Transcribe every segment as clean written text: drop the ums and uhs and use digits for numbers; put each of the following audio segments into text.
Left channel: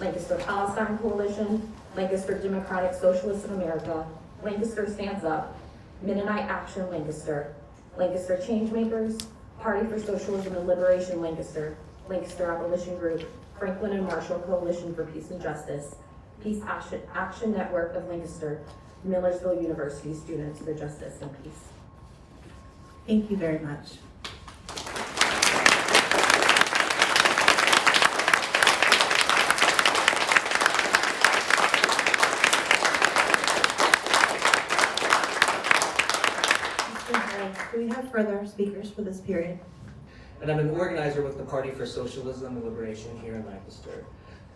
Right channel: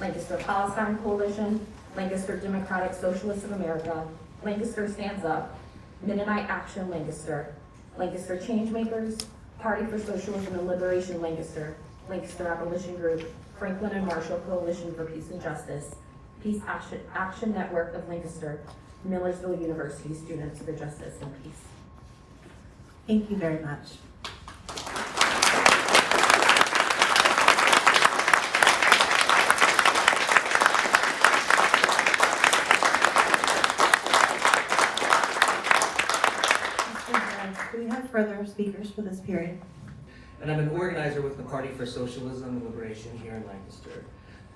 Lancaster Palestine Coalition, Lancaster Democratic Socialists of America, Lancaster Stands Up, Mennonite Action Lancaster, Lancaster Changemakers, Party for Socialism and Liberation Lancaster, Lancaster Abolition Group, Franklin and Marshall Coalition for Peace and Justice, Peace Action Network of Lancaster, Millersville University Students for Justice and Peace. Thank you very much. Do we have further speakers for this period? And I'm an organizer with the Party for Socialism and Liberation here in Lancaster.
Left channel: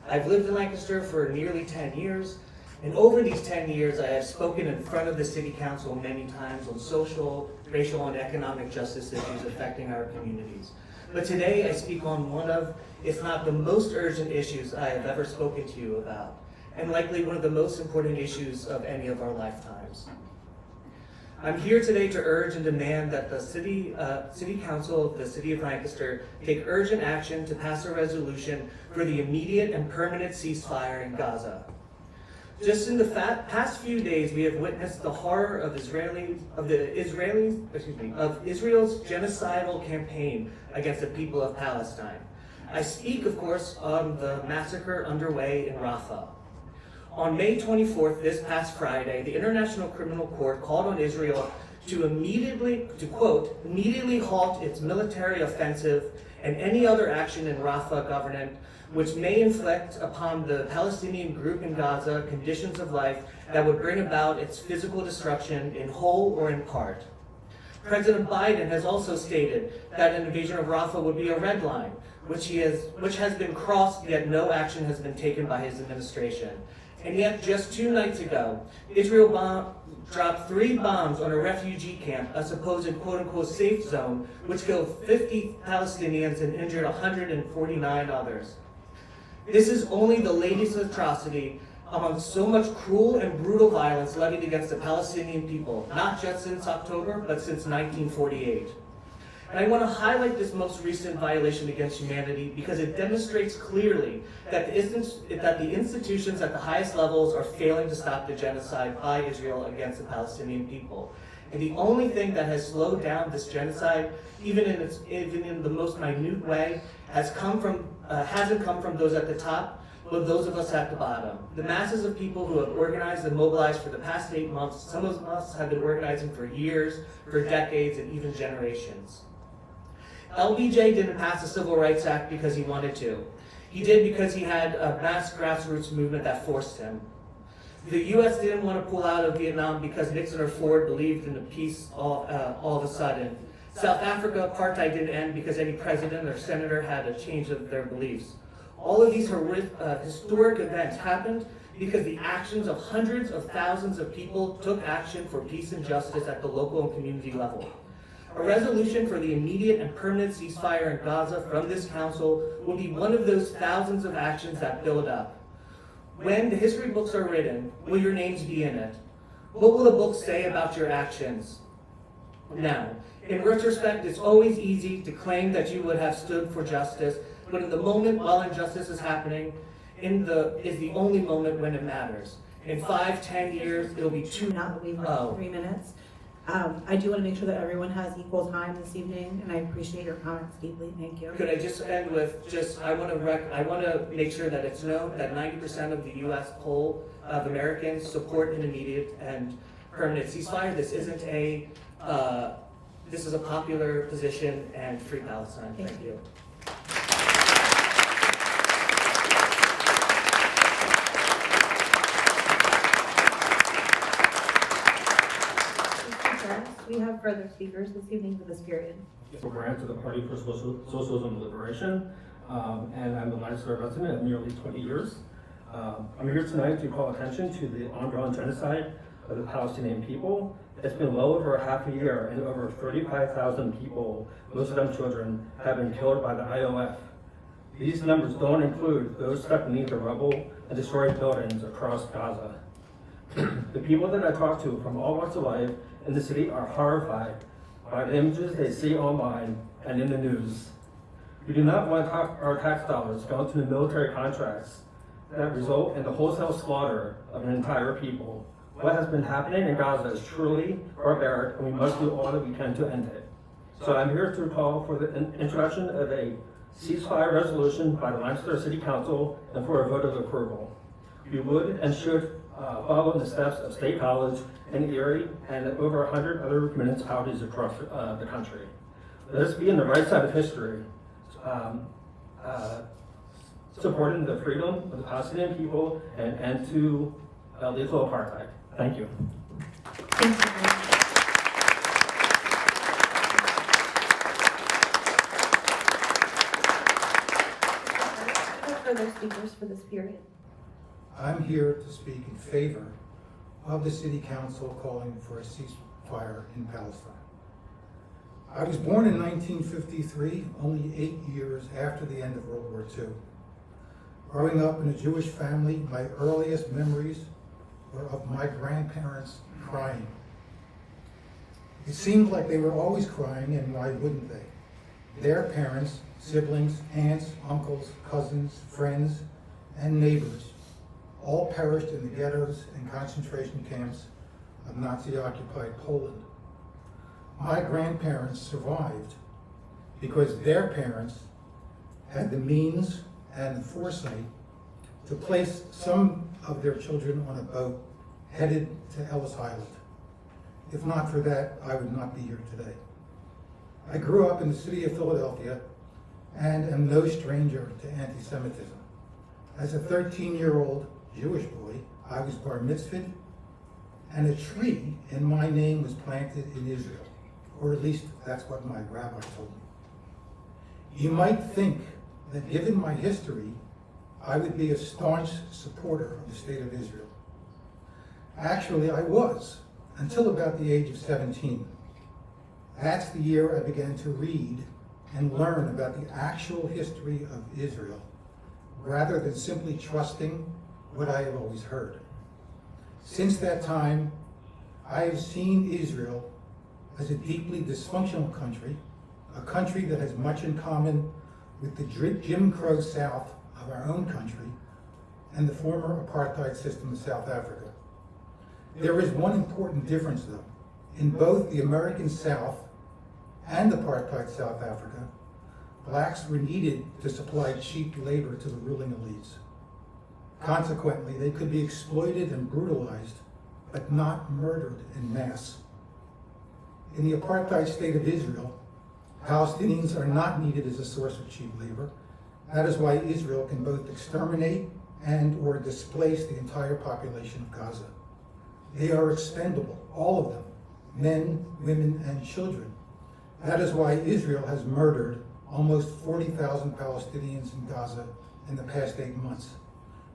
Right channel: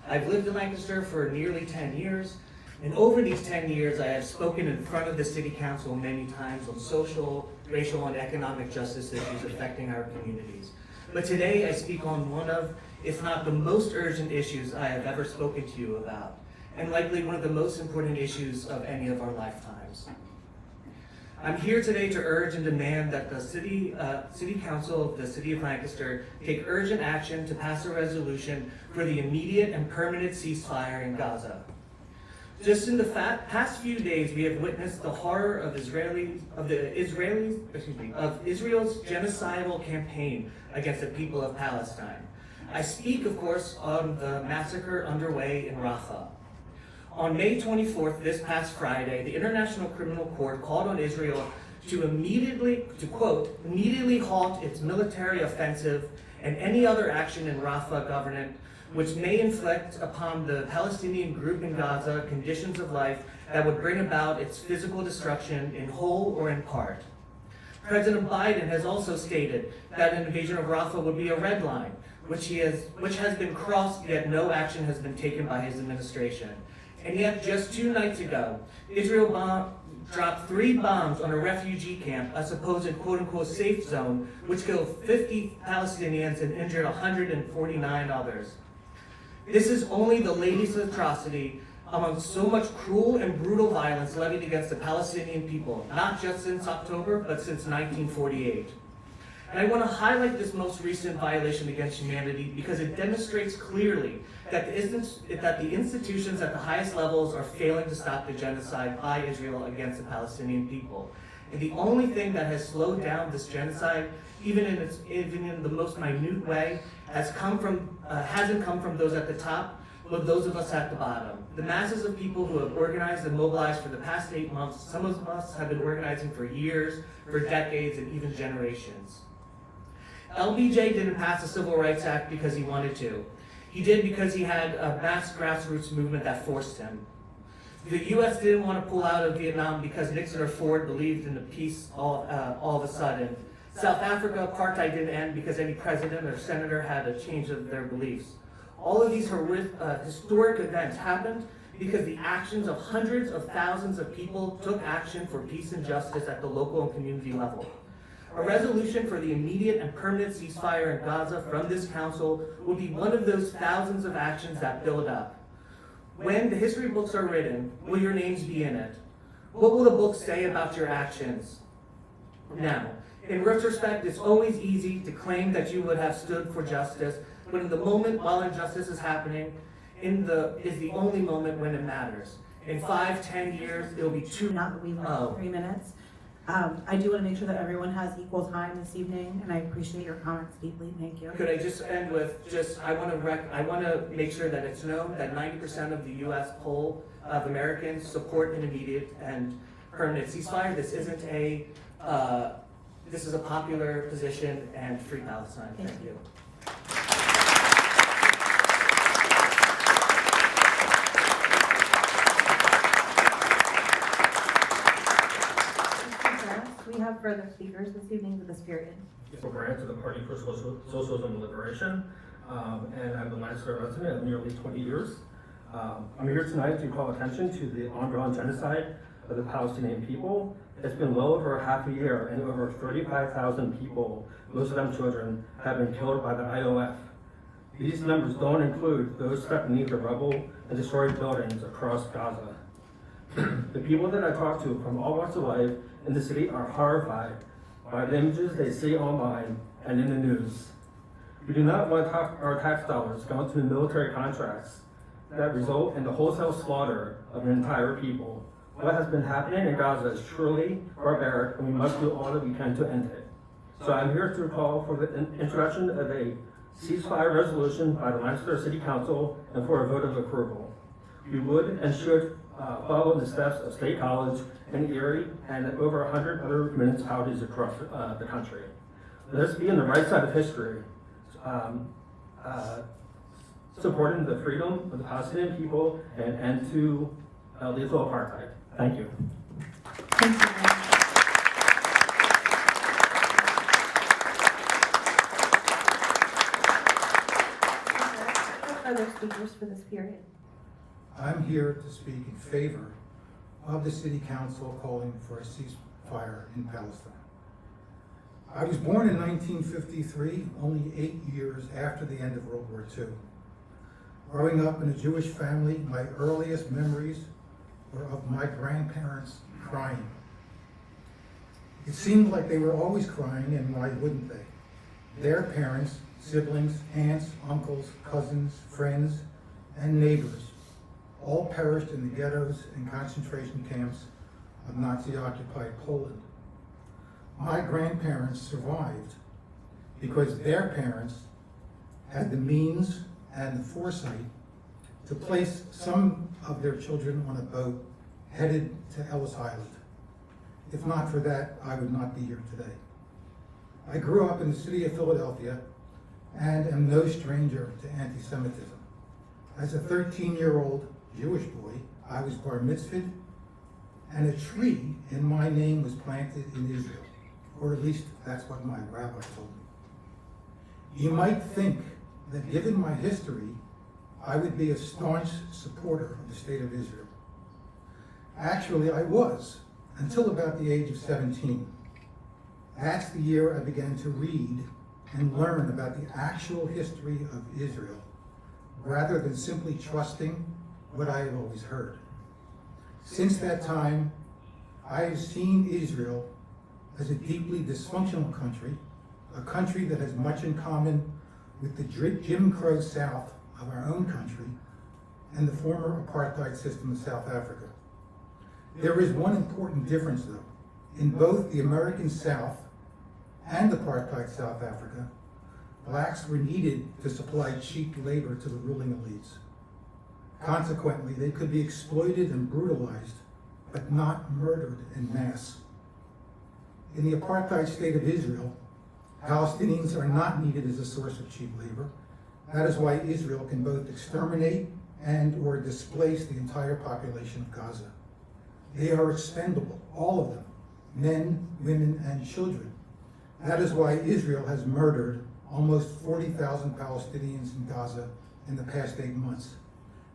I've lived in Lancaster for nearly 10 years, and over these 10 years I have spoken in front of the City Council many times on social, racial, and economic justice issues affecting our communities. But today I speak on one of, if not the most urgent issues I have ever spoken to you about, and likely one of the most important issues of any of our lifetimes. I'm here today to urge and demand that the City Council of the City of Lancaster take urgent action to pass a resolution for the immediate and permanent ceasefire in Gaza. Just in the past few days, we have witnessed the horror of Israel's genocidal campaign against the people of Palestine. I speak, of course, on the massacre underway in Rafah. On May 24th, this past Friday, the International Criminal Court called on Israel to quote, immediately halt its military offensive and any other action in Rafah government which may inflict upon the Palestinian group in Gaza conditions of life that would bring about its physical destruction in whole or in part. President Biden has also stated that an invasion of Rafah would be a red line, which has been crossed, yet no action has been taken by his administration. And yet, just 2 nights ago, Israel dropped 3 bombs on a refugee camp, a supposed quote-unquote safe zone, which killed 50 Palestinians and injured 149 others. This is only the latest atrocity among so much cruel and brutal violence levied against the Palestinian people, not just since October, but since 1948. And I want to highlight this most recent violation against humanity because it demonstrates clearly that the institutions at the highest levels are failing to stop the genocide by Israel against the Palestinian people. And the only thing that has slowed down this genocide, even in the most minute way, hasn't come from those at the top, but those of us at the bottom. The masses of people who have organized and mobilized for the past 8 months, some of us have been organizing for years, for decades, and even generations. LBJ didn't pass the Civil Rights Act because he wanted to. He did because he had a mass grassroots movement that forced him. The U.S. didn't want to pull out of Vietnam because Nixon or Ford believed in the peace all of a sudden. South Africa, apartheid didn't end because any president or senator had a change of their beliefs. All of these historic events happened because the actions of hundreds of thousands of people took action for peace and justice at the local and community level. A resolution for the immediate and permanent ceasefire in Gaza from this council will be one of those thousands of actions that build up. When the history books are written, will your names be in it? What will the books say about your actions? Now, in retrospect, it's always easy to claim that you would have stood for justice, but in the moment while injustice is happening, is the only moment when it matters. In 5, 10 years, it'll be too. Now that we have 3 minutes. I do want to make sure that everyone has equal time this evening, and I appreciate your comments deeply. Thank you. Could I just end with I want to make sure that it's known that 90% of the U.S. poll of Americans support an immediate and permanent ceasefire. This isn't this is a popular position, and free Palestine. Thank you. We have further speakers this evening for this period. Brand to the Party for Socialism and Liberation, and I'm the Lancaster resident of nearly 20 years. I'm here tonight to call attention to the ongoing genocide of the Palestinian people. It's been well over half a year, and over 35,000 people, most of them children, have been killed by the IOF. These numbers don't include those stuck beneath the rubble and destroyed buildings across Gaza. The people that I talk to from all walks of life in the city are horrified by the images they see online and in the news. We do not want our tax dollars going to the military contracts that result in the wholesale slaughter of an entire people. What has been happening in Gaza is truly barbaric, and we must do all that we can to end it. So I'm here to call for the introduction of a ceasefire resolution by the Lancaster City Council and for a vote of approval. We would and should follow the steps of State College and Erie and over 100 other municipalities across the country. Let us be on the right side of history, supporting the freedom of the Palestinian people and end to lethal apartheid. Thank you. Thank you very much. Other speakers for this period. I'm here to speak in favor of the City Council calling for a ceasefire in Palestine. I was born in 1953, only 8 years after the end of World War II. Growing up in a Jewish family, my earliest memories were of my grandparents crying. It seemed like they were always crying, and why wouldn't they? Their parents, siblings, aunts, uncles, cousins, friends, and neighbors all perished in the ghettos and concentration camps of Nazi-occupied Poland. My grandparents survived because their parents had the means and the foresight to place some of their children on a boat headed to Ellis Island. If not for that, I would not be here today. I grew up in the city of Philadelphia and am no stranger to anti-Semitism. As a 13-year-old Jewish boy, I was bar mitzvahed, and a tree in my name was planted in Israel, or at least that's what my rabbi told me. You might think that given my history, I would be a staunch supporter of the state of Israel. Actually, I was, until about the age of 17. That's the year I began to read and learn about the actual history of Israel, rather than simply trusting what I have always heard. Since that time, I have seen Israel as a deeply dysfunctional country, a country that has much in common with the Jim Crow South of our own country and the former apartheid system of South Africa. There is one important difference, though. In both the American South and apartheid South Africa, blacks were needed to supply cheap labor to the ruling elites. Consequently, they could be exploited and brutalized, but not murdered en masse. In the apartheid state of Israel, Palestinians are not needed as a source of cheap labor. That is why Israel can both exterminate and or displace the entire population of Gaza. They are expendable, all of them, men, women, and children. That is why Israel has murdered almost 40,000 Palestinians in Gaza in the past 8 months.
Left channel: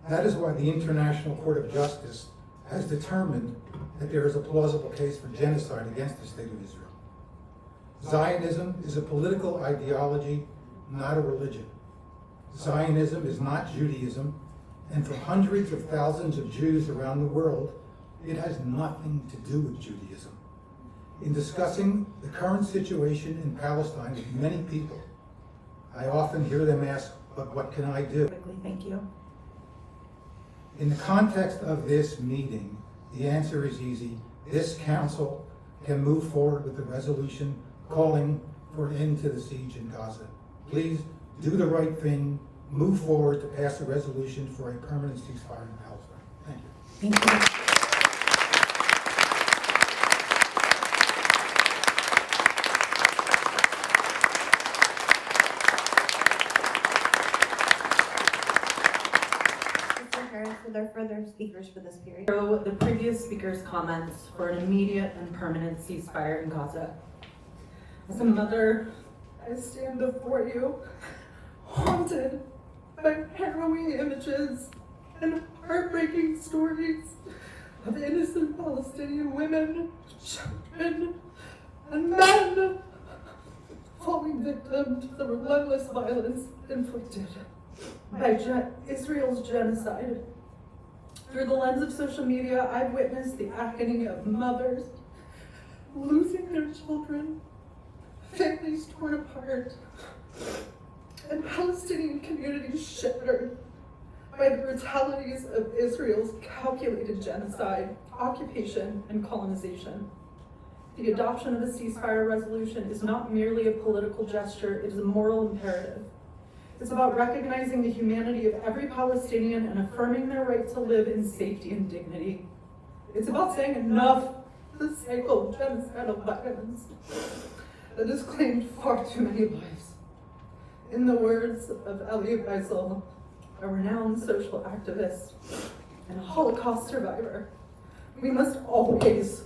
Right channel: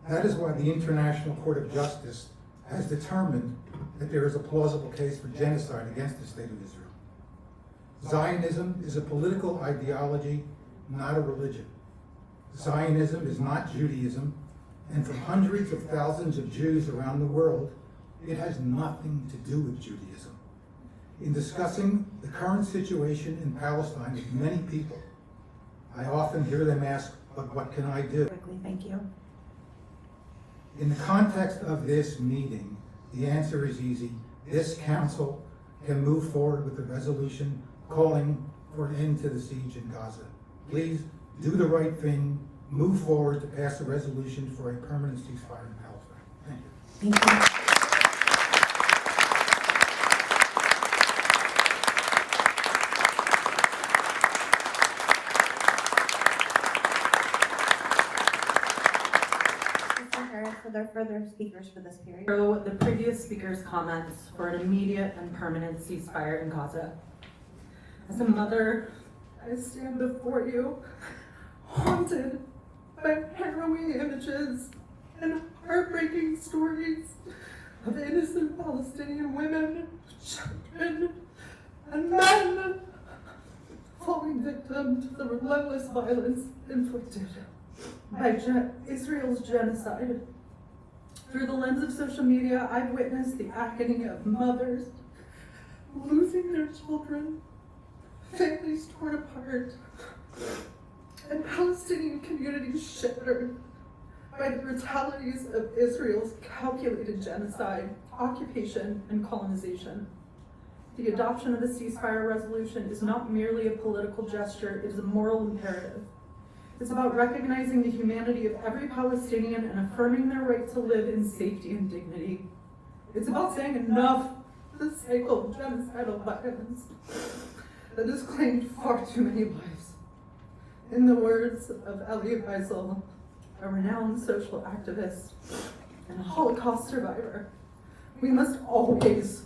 That is why the International Court of Justice has determined that there is a plausible case for genocide against the state of Israel. Zionism is a political ideology, not a religion. Zionism is not Judaism, and for hundreds of thousands of Jews around the world, it has nothing to do with Judaism. In discussing the current situation in Palestine with many people, I often hear them ask, but what can I do? Quickly, thank you. In the context of this meeting, the answer is easy. This council can move forward with a resolution calling for an end to the siege in Gaza. Please do the right thing, move forward to pass a resolution for a permanent ceasefire in Palestine. Thank you. Thank you. Are there further speakers for this period? So the previous speaker's comments for an immediate and permanent ceasefire in Gaza. As a mother, I stand before you, haunted by harrowing images and heartbreaking stories of innocent Palestinian women, children, and men falling victim to the relentless violence inflicted by Israel's genocide. Through the lens of social media, I've witnessed the agony of mothers losing their children, families torn apart, and Palestinian communities shattered by the brutalities of Israel's calculated genocide, occupation, and colonization. The adoption of a ceasefire resolution is not merely a political gesture, it is a moral imperative. It's about recognizing the humanity of every Palestinian and affirming their right to live in safety and dignity. It's about saying enough to the cycle of genocidal violence that has claimed far too many lives. In the words of Elie Wiesel, a renowned social activist and a Holocaust survivor, we must always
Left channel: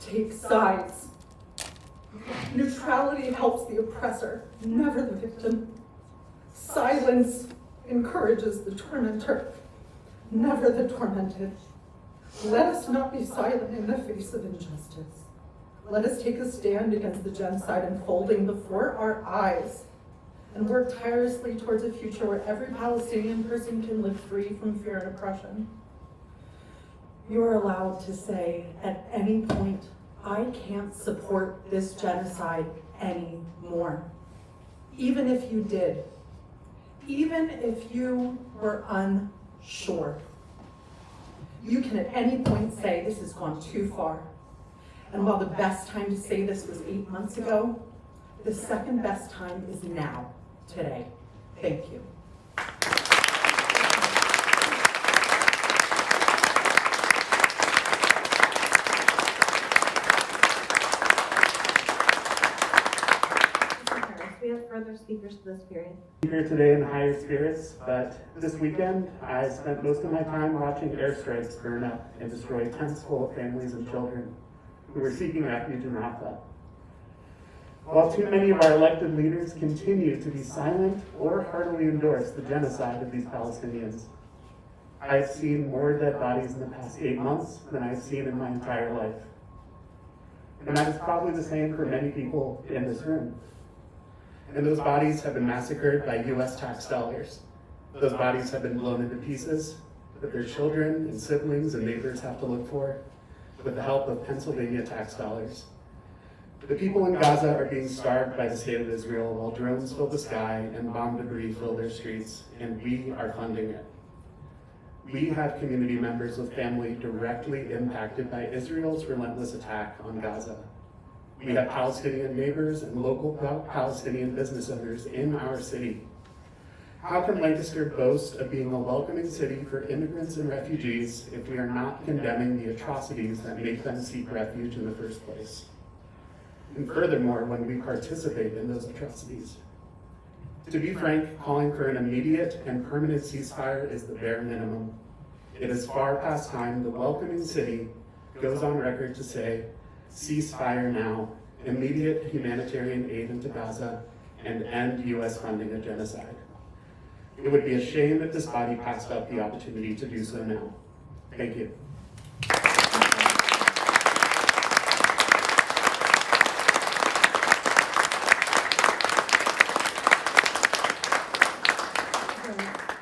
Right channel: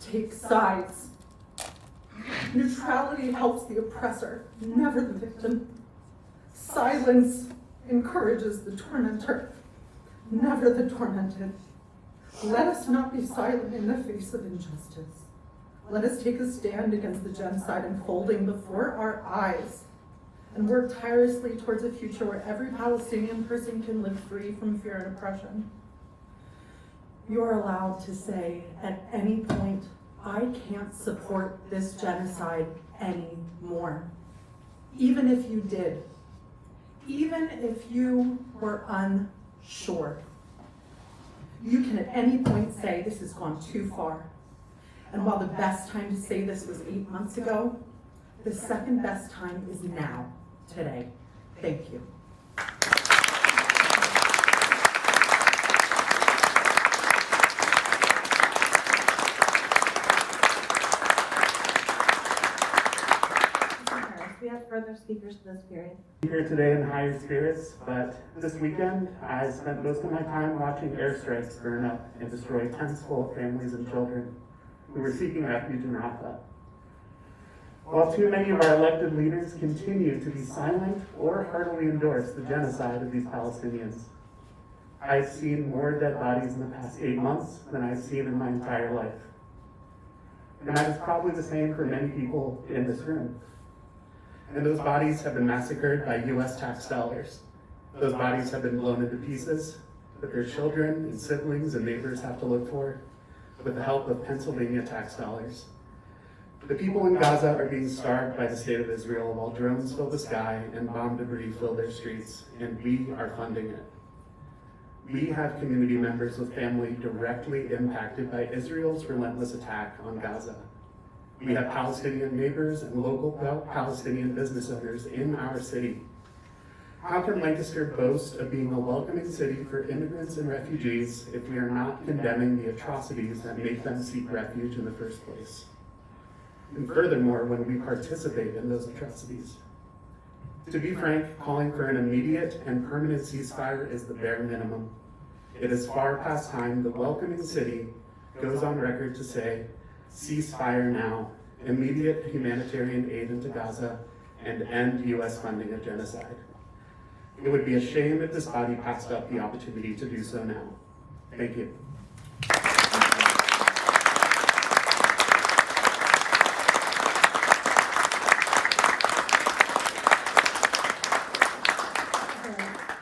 take sides. Neutrality helps the oppressor, never the victim. Silence encourages the tormentor, never the tormented. Let us not be silent in the face of injustice. Let us take a stand against the genocide unfolding before our eyes and work tirelessly towards a future where every Palestinian person can live free from fear and oppression. You are allowed to say at any point, I can't support this genocide anymore. Even if you did, even if you were unsure, you can at any point say this has gone too far. And while the best time to say this was 8 months ago, the second best time is now, today. Thank you. We have further speakers for this period. I'm here today in higher spirits, but this weekend I spent most of my time watching airstrikes burn up and destroy tents full of families and children who were seeking refuge in Rafah. While too many of our elected leaders continue to be silent or heartily endorse the genocide of these Palestinians, I've seen more dead bodies in the past 8 months than I've seen in my entire life. And that is probably the same for many people in this room. And those bodies have been massacred by US tax dollars. Those bodies have been blown into pieces that their children and siblings and neighbors have to look for with the help of Pennsylvania tax dollars. The people in Gaza are being starved by the state of Israel while drones fill the sky and bomb debris fill their streets, and we are funding it. We have community members with family directly impacted by Israel's relentless attack on Gaza. We have Palestinian neighbors and local Palestinian business owners in our city. How can Lancaster boast of being a welcoming city for immigrants and refugees if we are not condemning the atrocities that make them seek refuge in the first place? And furthermore, when we participate in those atrocities. To be frank, calling for an immediate and permanent ceasefire is the bare minimum. It is far past time the welcoming city goes on record to say, ceasefire now, immediate humanitarian aid into Gaza, and end US funding of genocide. It would be a shame if this body passed up the opportunity to do so now. Thank you.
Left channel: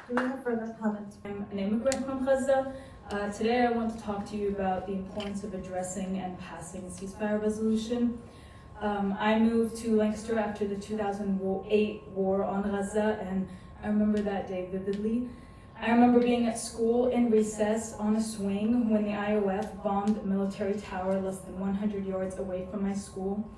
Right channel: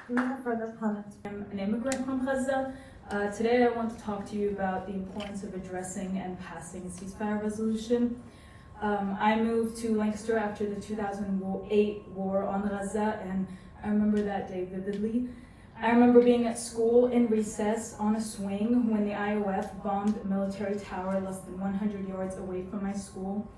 Do we have further comments? I'm an immigrant from Gaza. Today I want to talk to you about the importance of addressing and passing a ceasefire resolution. I moved to Lancaster after the 2008 war on Gaza, and I remember that day vividly. I remember being at school in recess on a swing when the IOF bombed a military tower less than 100 yards away from my school.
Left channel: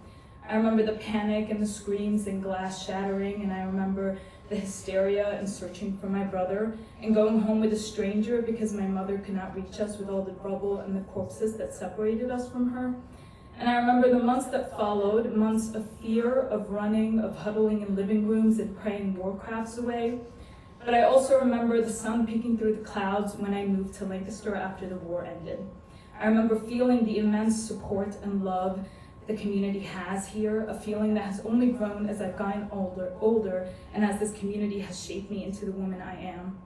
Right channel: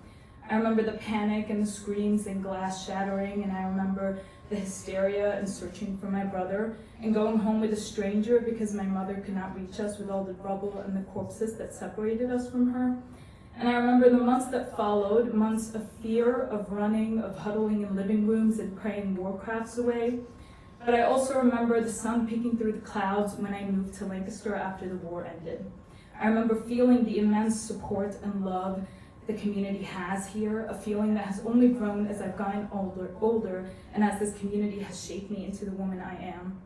I remember the panic and the screams and glass shattering, and I remember the hysteria and searching for my brother and going home with a stranger because my mother could not reach us with all the rubble and the corpses that separated us from her. And I remember the months that followed, months of fear, of running, of huddling in living rooms and praying war crafts away. But I also remember the sun peeking through the clouds when I moved to Lancaster after the war ended. I remember feeling the immense support and love the community has here, a feeling that has only grown as I've gotten older, and as this community has shaped me into the woman I am.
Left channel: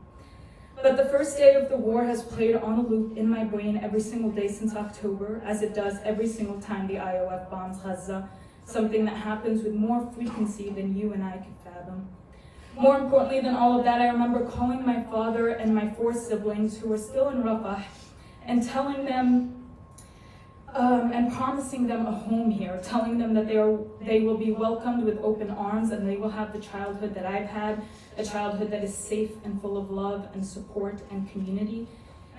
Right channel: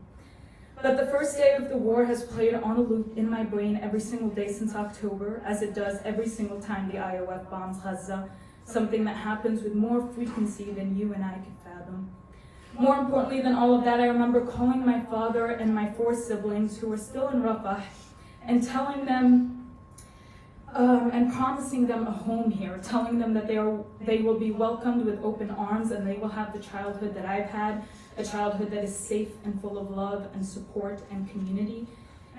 But the first day of the war has played on a loop in my brain every single day since October, as it does every single time the IOF bombs Gaza, something that happens with more frequency than you and I could fathom. More importantly than all of that, I remember calling my father and my 4 siblings who were still in Rafah and telling them and promising them a home here, telling them that they will be welcomed with open arms and they will have the childhood that I've had, a childhood that is safe and full of love and support and community.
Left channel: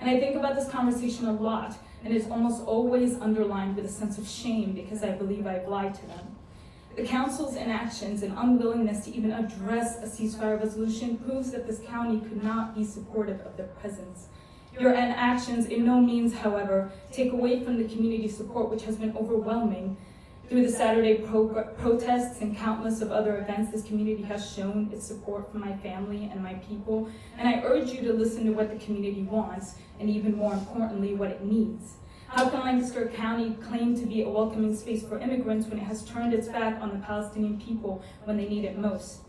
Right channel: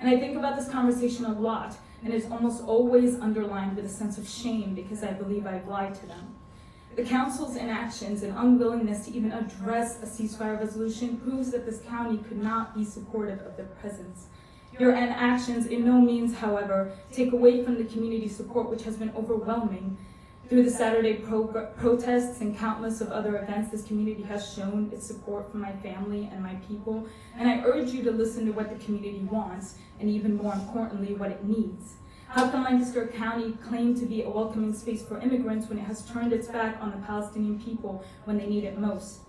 And I think about this conversation a lot, and it's almost always underlined with a sense of shame because I believe I've lied to them. The council's inactions and unwillingness to even address a ceasefire resolution proves that this county could not be supportive of their presence. Your inactions in no means, however, take away from the community support which has been overwhelming. Through the Saturday protests and countless of other events, this community has shown its support for my family and my people, and I urge you to listen to what the community wants, and even more importantly, what it needs. How can Lancaster County claim to be a welcoming space for immigrants when it has turned its back on the Palestinian people when they need it most?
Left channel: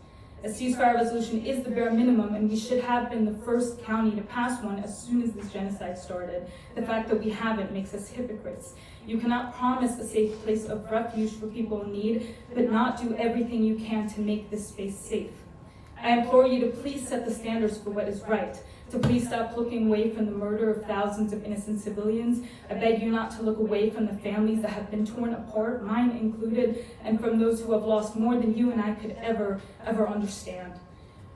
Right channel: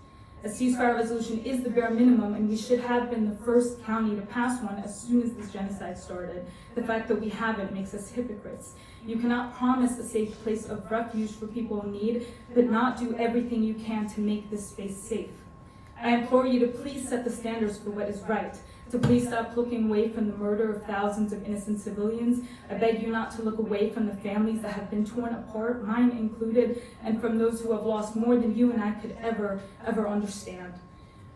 A ceasefire resolution is the bare minimum, and we should have been the first county to pass one as soon as this genocide started. The fact that we haven't makes us hypocrites. You cannot promise a safe place of refuge for people in need, but not do everything you can to make this space safe. I implore you to please set the standards for what is right, to please stop looking away from the murder of thousands of innocent civilians. I beg you not to look away from the families that have been torn apart, mine included, and from those who have lost more than you and I could ever understand.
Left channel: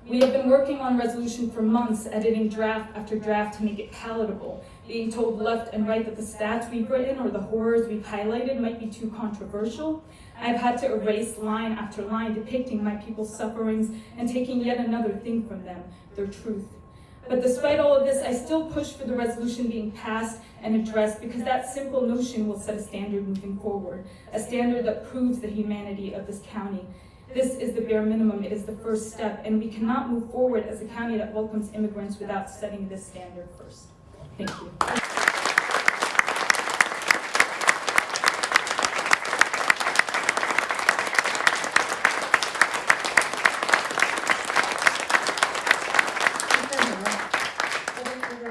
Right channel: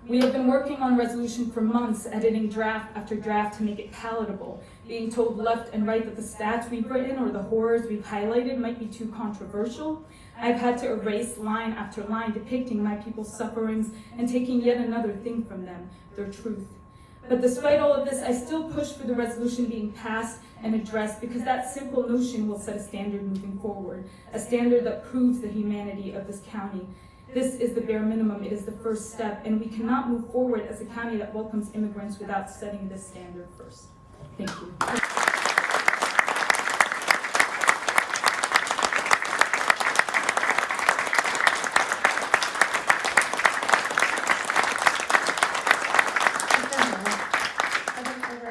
We have been working on resolution for months, editing draft after draft to make it palatable, being told left and right that the stats we've written or the horrors we've highlighted might be too controversial. I've had to erase line after line depicting my people's sufferings and taking yet another thing from them, their truth. But despite all of this, I still push for the resolution being passed and addressed because that simple notion will set a standard moving forward, a standard that proves the humanity of this county. This is the bare minimum, it is the first step, and we cannot move forward as a county that welcomes immigrants without setting this standard first. Thank you.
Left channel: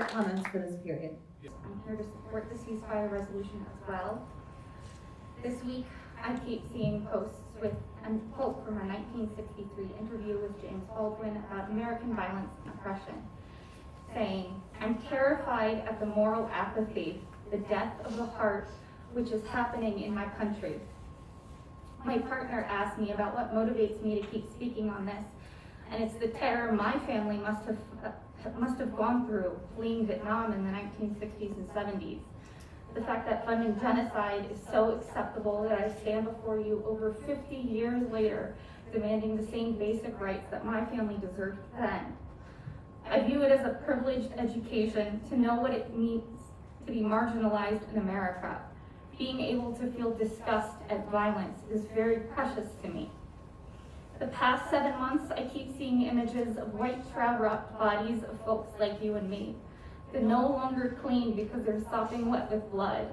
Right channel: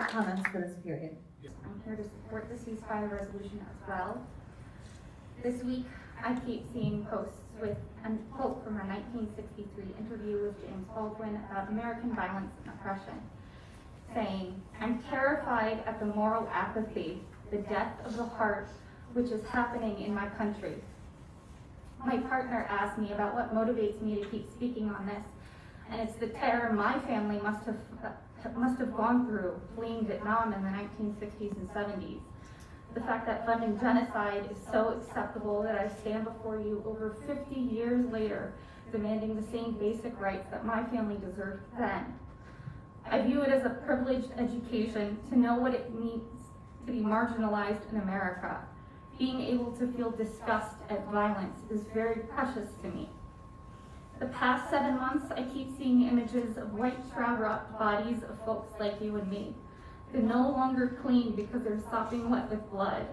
Comments for this period. I'm here to support the ceasefire resolution as well. This week, I keep seeing posts with a quote from a 1963 interview with James Baldwin about American violence and oppression, saying, "I'm terrified at the moral apathy, the death of the heart, which is happening in my country." My partner asked me about what motivates me to keep speaking on this, and it's the terror my family must have gone through fleeing Vietnam in the 1960s and 70s. The fact that funding genocide is so acceptable that I stand before you over 50 years later demanding the same basic rights that my family deserved then. I view it as a privileged education to know what it means to be marginalized in America. Being able to feel disgust at violence is very precious to me. The past 7 months, I keep seeing images of white shroud-wrapped bodies of folks like you and me. They're no longer clean because they're sopping wet with blood.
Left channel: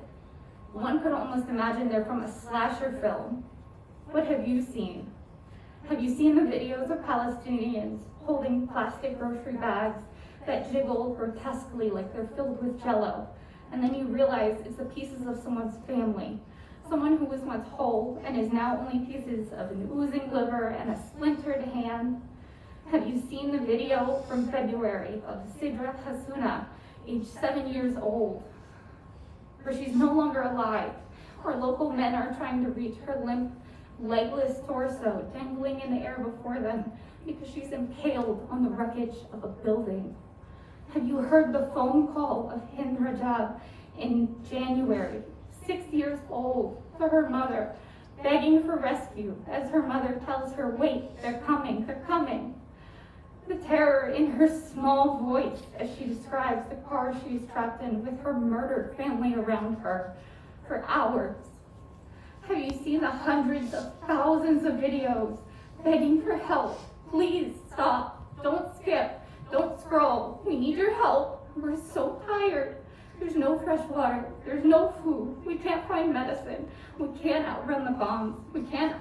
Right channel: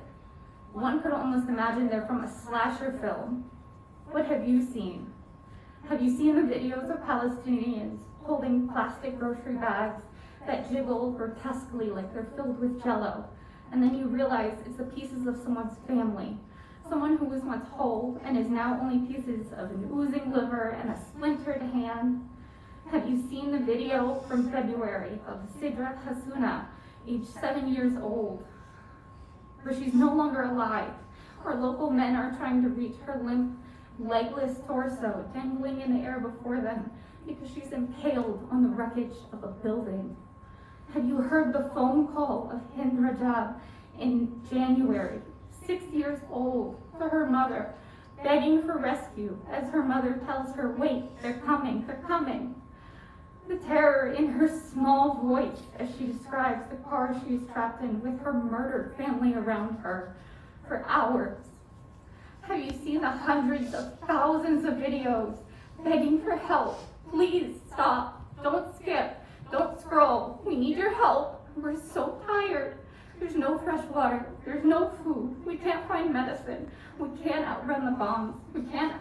One could almost imagine they're from a slasher film. What have you seen? Have you seen the videos of Palestinians holding plastic grocery bags that jiggle grotesquely like they're filled with jello? And then you realize it's the pieces of someone's family. Someone who was once whole and is now only pieces of an oozing liver and a splintered hand. Have you seen the video from February of Sidra Hasuna, age 7 years old, where she's no longer alive, where local men are trying to reach her limp, legless torso dangling in the air before them because she's impaled on the wreckage of a building? Have you heard the phone call of Hind Rajab in January, 6 years old, to her mother, begging for rescue as her mother tells her, "Wait, they're coming, they're coming." The terror in her small voice as she describes the car she's trapped in with her murdered family around her for hours. Have you seen the hundreds of thousands of videos begging for help? Please stop, don't skip, don't scroll. We need your help. We're so tired. There's no fresh water, there's no food, we can't find medicine, we can't outrun the bombs, we can't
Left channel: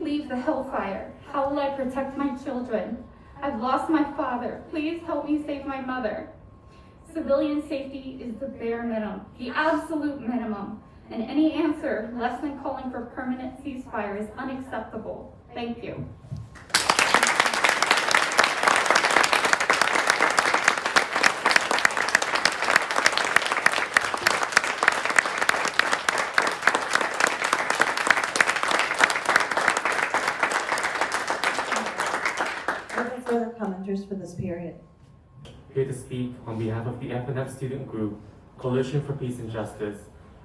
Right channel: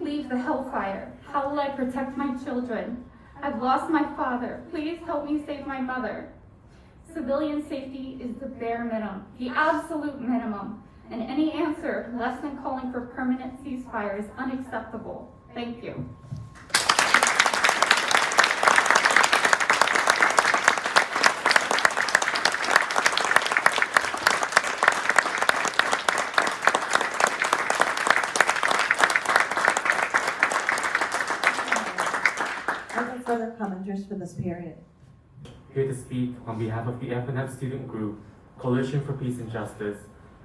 leave the hellfire. How will I protect my children? I've lost my father, please help me save my mother. Civilian safety is the bare minimum, the absolute minimum, and any answer less than calling for permanent ceasefire is unacceptable. Thank you. volunteers for this period? Here to speak on behalf of the F&M student group, Coalition for Peace and Justice,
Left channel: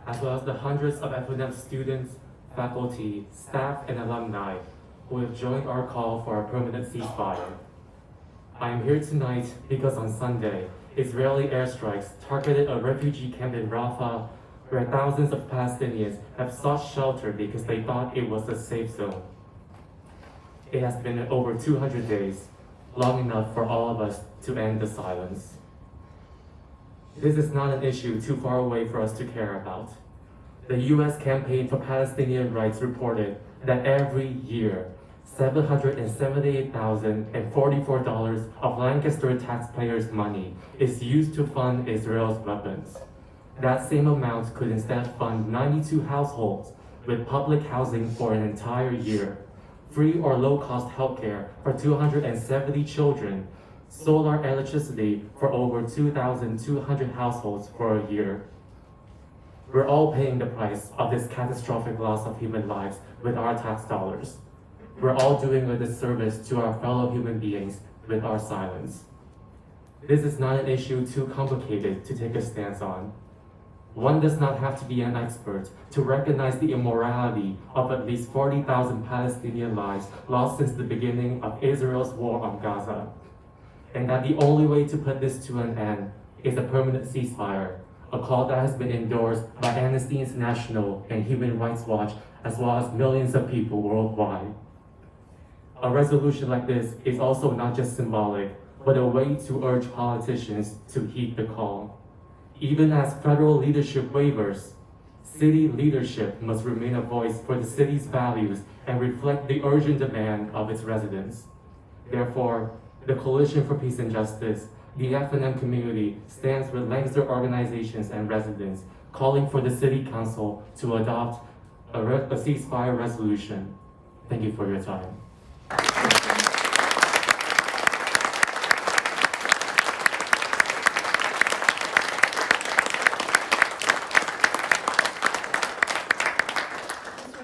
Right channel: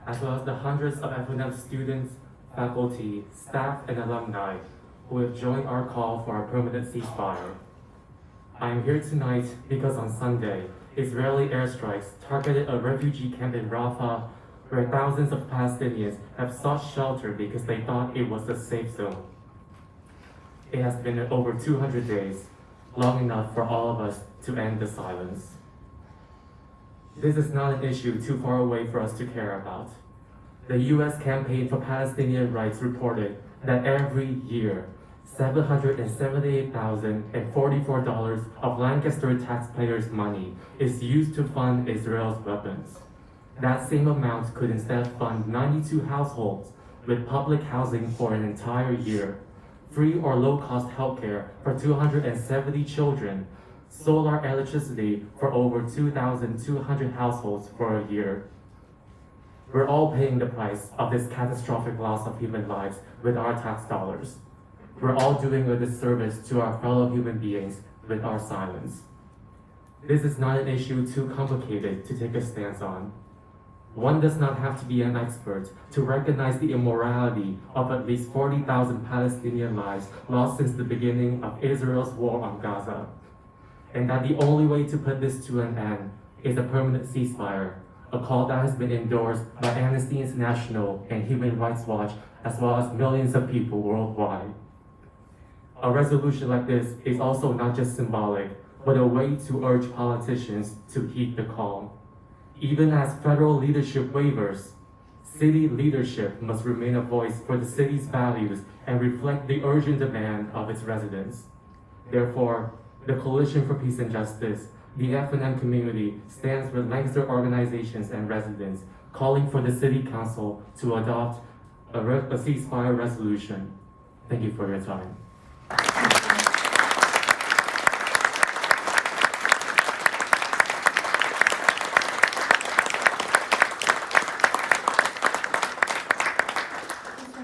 as well as the hundreds of F&M students, faculty, staff, and alumni who have joined our call for a permanent ceasefire. I am here tonight because on Sunday, Israeli airstrikes targeted a refugee camp in Rafah where thousands of Palestinians have sought shelter because they thought it was a safe zone. It has been over 200 days, long enough for all of us to end the silence. This is not an issue too far away for us to care about. The U.S. Campaign for Palestinian Rights reported that every year, $778,044 of Lancaster taxpayers' money is used to fund Israel's weapons. That same amount could instead fund 92 households with public housing for an entire year, free or low-cost healthcare for 270 children, solar electricity for over 2,200 households for a year. We're all paying the price of this catastrophic loss of human lives with our tax dollars. We're all doing a disservice to our fellow human beings with our silence. This is not an issue too complicated to take a stance on. One does not have to be an expert to recognize the immorality of at least 40,000 Palestinian lives lost since the beginning of Israel's war on Gaza, and that the only way to put this to an end is a permanent ceasefire, a call that has been endorsed by Amnesty International and Human Rights Watch, as well as millions of people worldwide. A resolution like this is also not just symbolic, but a way to urge politicians to heed the call. Even as federal leadership wavers, city leadership must remain a voice for the city's values and reflect the urgent demand of its residents. Therefore, the Coalition for Peace and Justice, the F&M community, stands with Lancaster organizations and residents, calling for the City Council to adopt a ceasefire resolution. Thank you for your time. Mr.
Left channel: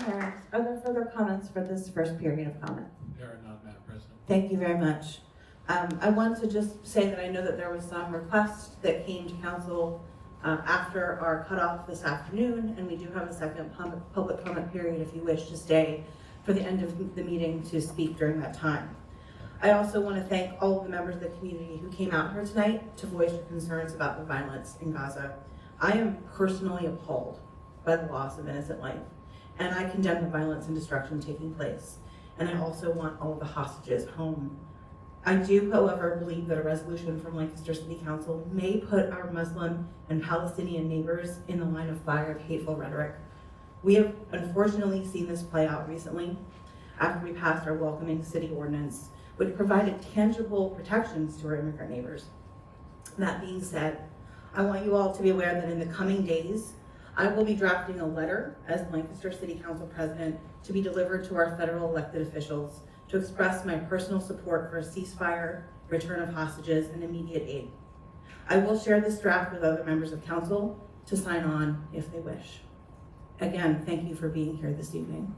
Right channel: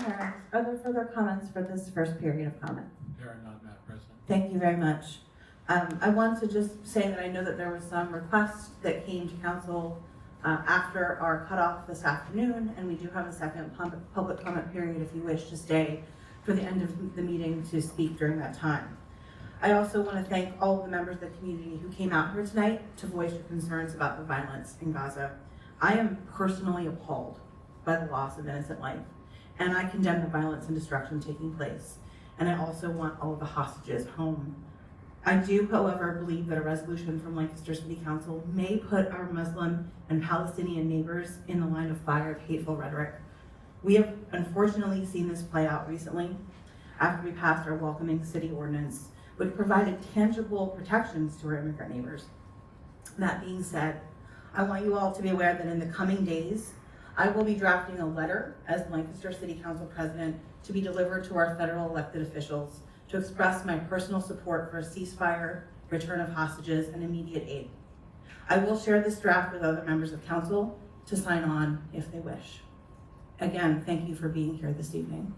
Harris, are there further comments for this first period of comment? There are none, Madam President. Thank you very much. I want to just say that I know that there were some requests that came to council after our cutoff this afternoon, and we do have a second public comment period if you wish to stay for the end of the meeting to speak during that time. I also want to thank all of the members of the community who came out here tonight to voice your concerns about the violence in Gaza. I am personally appalled by the loss of innocent life, and I condemn the violence and destruction taking place. And I also want all of the hostages home. I do, however, believe that a resolution from Lancaster City Council may put our Muslim and Palestinian neighbors in the line of fire of hateful rhetoric. We have unfortunately seen this play out recently after we passed our welcoming city ordinance, which provided tangible protections to our immigrant neighbors. That being said, I want you all to be aware that in the coming days, I will be drafting a letter as Lancaster City Council President to be delivered to our federal elected officials to express my personal support for a ceasefire, return of hostages, and immediate aid. I will share this draft with other members of council to sign on if they wish. Again, thank you for being here this evening.